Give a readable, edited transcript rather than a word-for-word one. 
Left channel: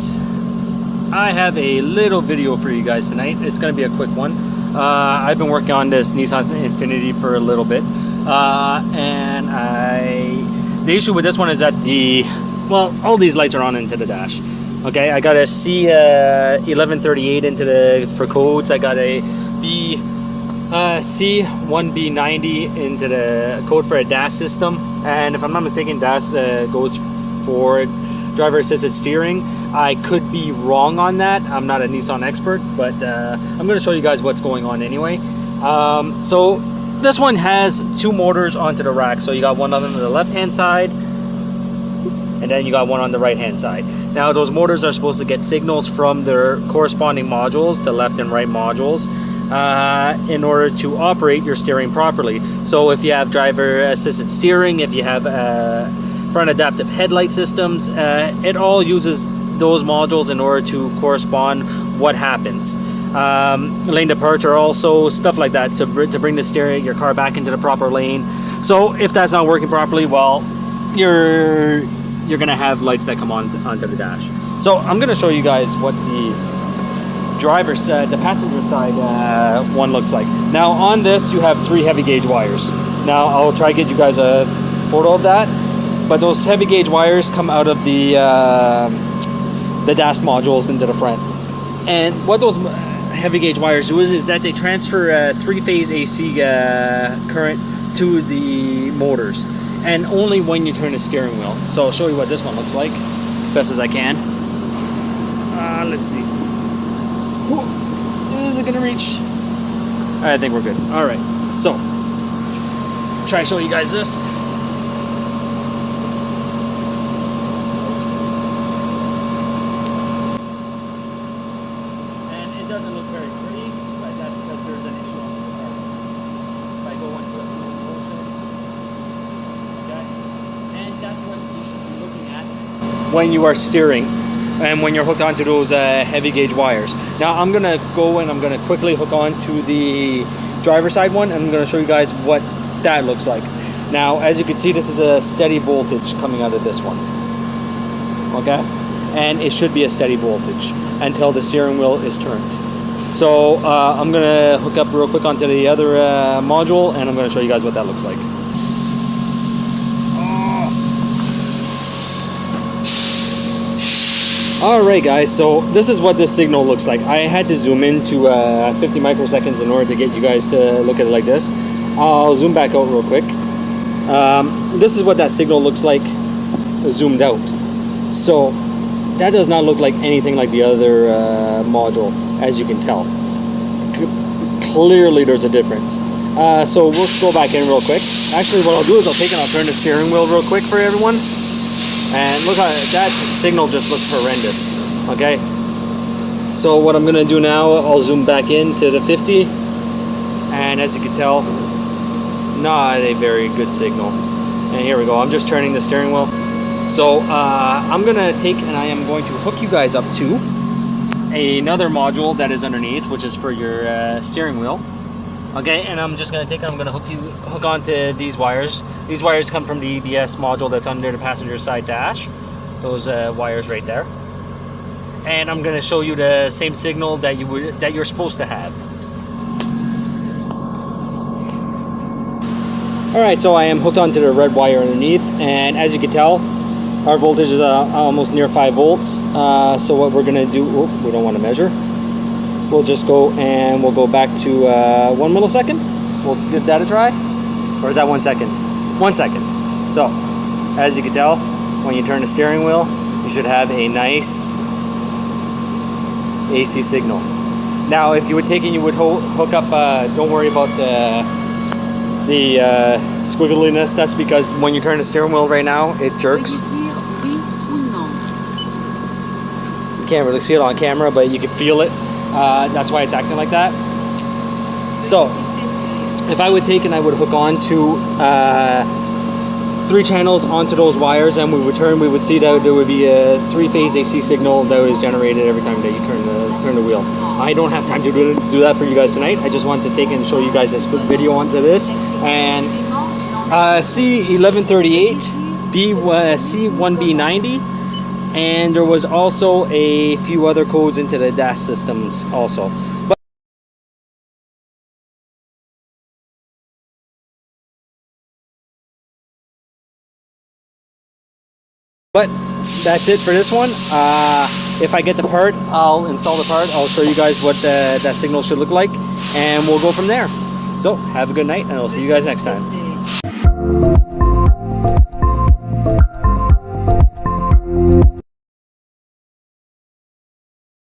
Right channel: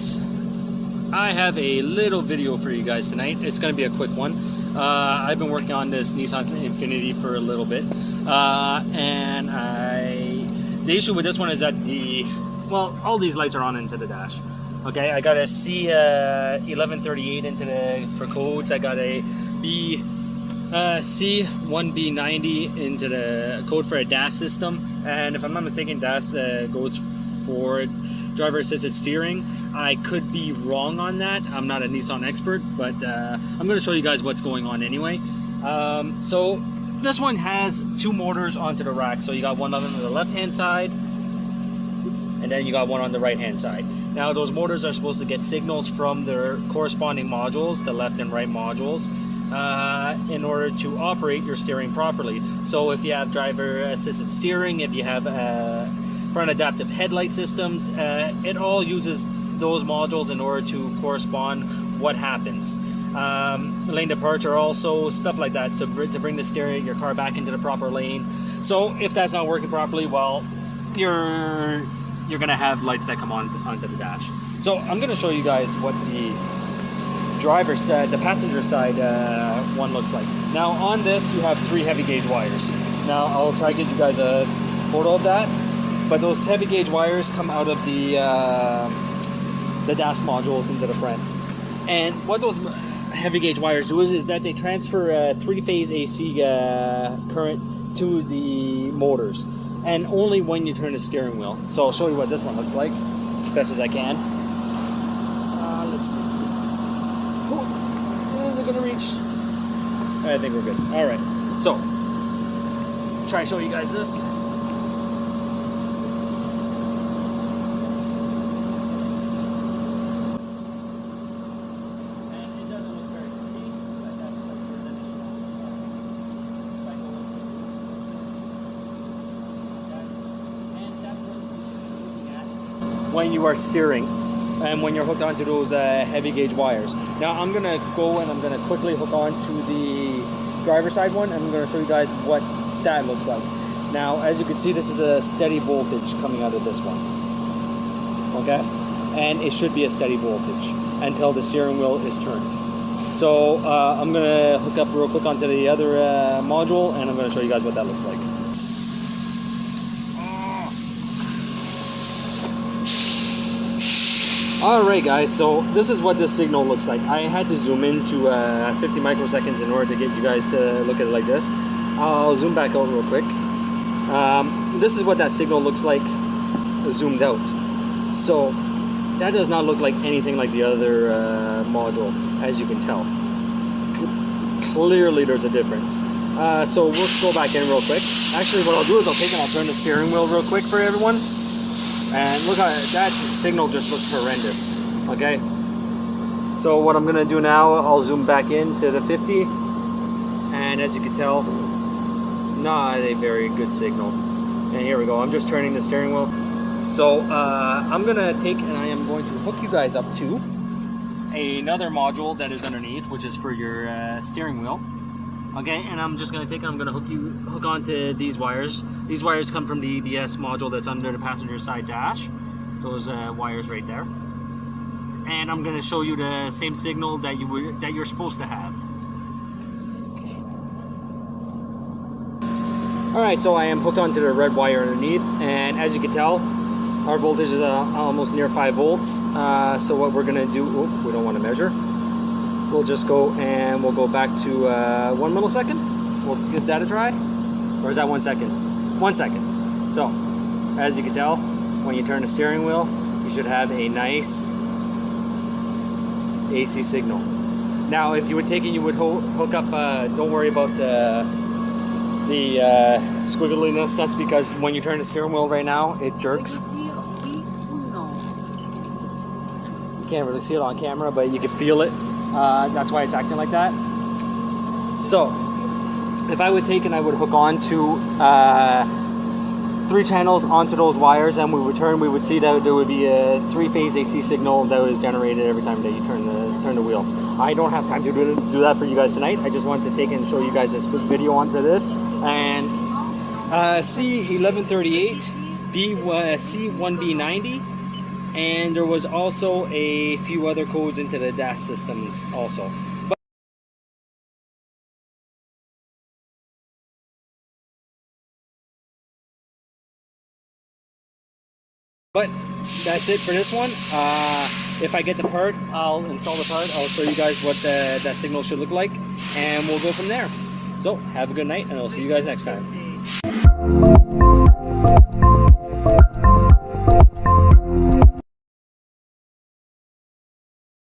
guys, I have a little video for you guys tonight. It's going to be a quick one. I've been working on this Nissan Infinity for a little bit, and the issue with this one is that all these lights are on into the dash. Okay, I got a C1138 into for codes. I got a C1B90 into the code for a DAS system, and if I'm not mistaken, DAS goes for driver assisted steering. I could be wrong on that. I'm not a Nissan expert, but I'm going to show you guys what's going on anyway. So this one has two motors onto the rack. So you got one on the left hand side, and then you got one on the right hand side. Now those motors are supposed to get signals from their corresponding modules, the left and right modules, in order to operate your steering properly. So if you have driver assisted steering, if you have front adaptive headlight systems, it all uses those modules in order to correspond what happens. Lane departure also, stuff like that, to bring the steering, your car back into the proper lane. So if that's not working properly, well, you're gonna have lights that come onto the dash. So I'm gonna show you guys what the driver's the passenger side one looks like. Now on this you have 3 heavy gauge wires. Now I'll try to get you guys a photo of that, but those heavy gauge wires come out of the DAS modules into the front. And what those heavy gauge wires do is that they transfer 3-phase AC current to the motors, and only when you turn the steering wheel. So I'll show you what this one looks like as best as I can. Let's see. Ooh, is it gonna reach? I think we're good. All right, so try to show you guys this. And it doesn't look very pretty, but that's because there's an issue on the car. If I go into a slow motion, okay, and that's what you should be looking at when you are steering and when you're hooked onto those heavy gauge wires. Now I'm gonna go and I'm gonna quickly hook on to the driver side one, and I'm gonna show you guys what that looks like. Now as you can see, this is a steady voltage coming out of this one, okay, and it should be a steady voltage until the steering wheel is turned. So I'm gonna hook up real quick onto the other module, and I'm gonna show you guys what that looks like. Alright guys, so this is what this signal looks like. I had to zoom into 50 microseconds in order to get you guys to look at it like this. I'll zoom back out real quick. This is what that signal looks like zoomed out. So that does not look like anything like the other module, as you can tell. Clearly there's a difference. So we'll go back in real quick. Actually what I'll do is I'll turn the steering wheel real quick for everyone. And look how that signal just looks horrendous, okay? So what I'm gonna do now, I'll zoom back into the 50, and as you can tell, not a very good signal. And here we go, I'm just turning the steering wheel. So I'm gonna take and I am going to hook you guys up to another module that is underneath, which is for your steering wheel. Okay, and I'm just gonna hook onto these wires. These wires come from the EBS module that's under the passenger side dash. Those wires right there. And I'm gonna show you the same signal that you're supposed to have. All right, so I am hooked onto the red wire underneath, and as you can tell, our voltage is almost near 5 volts. So what we're gonna do? Oh, we don't want to measure. We'll just go and we'll go back to 1 millisecond. We'll give that a try. Or is that 1 second? 1 second. So, as you can tell, when you turn the steering wheel, you should have a nice AC signal. Now, if you were taking, you would hook up, don't worry about the squiggliness. That's because when you turn the steering wheel right now, it jerks. You can't really see it on camera, but you can feel it. That's why it's acting like that. So if I would take and I would hook on to 3 channels onto those wires, and we would see that there would be a 3-phase AC signal that was generated every time that you turn the wheel. I don't have time to do that for you guys tonight. I just wanted to take and show you guys this quick video onto this. And C1138 C1B90 and there was also a few other codes into the DAS systems also. But that's it for this one. If I get the part, I'll install the part. I'll show you guys what that signal should look like, and we'll go from there. So have a good night, and I'll see you guys next time.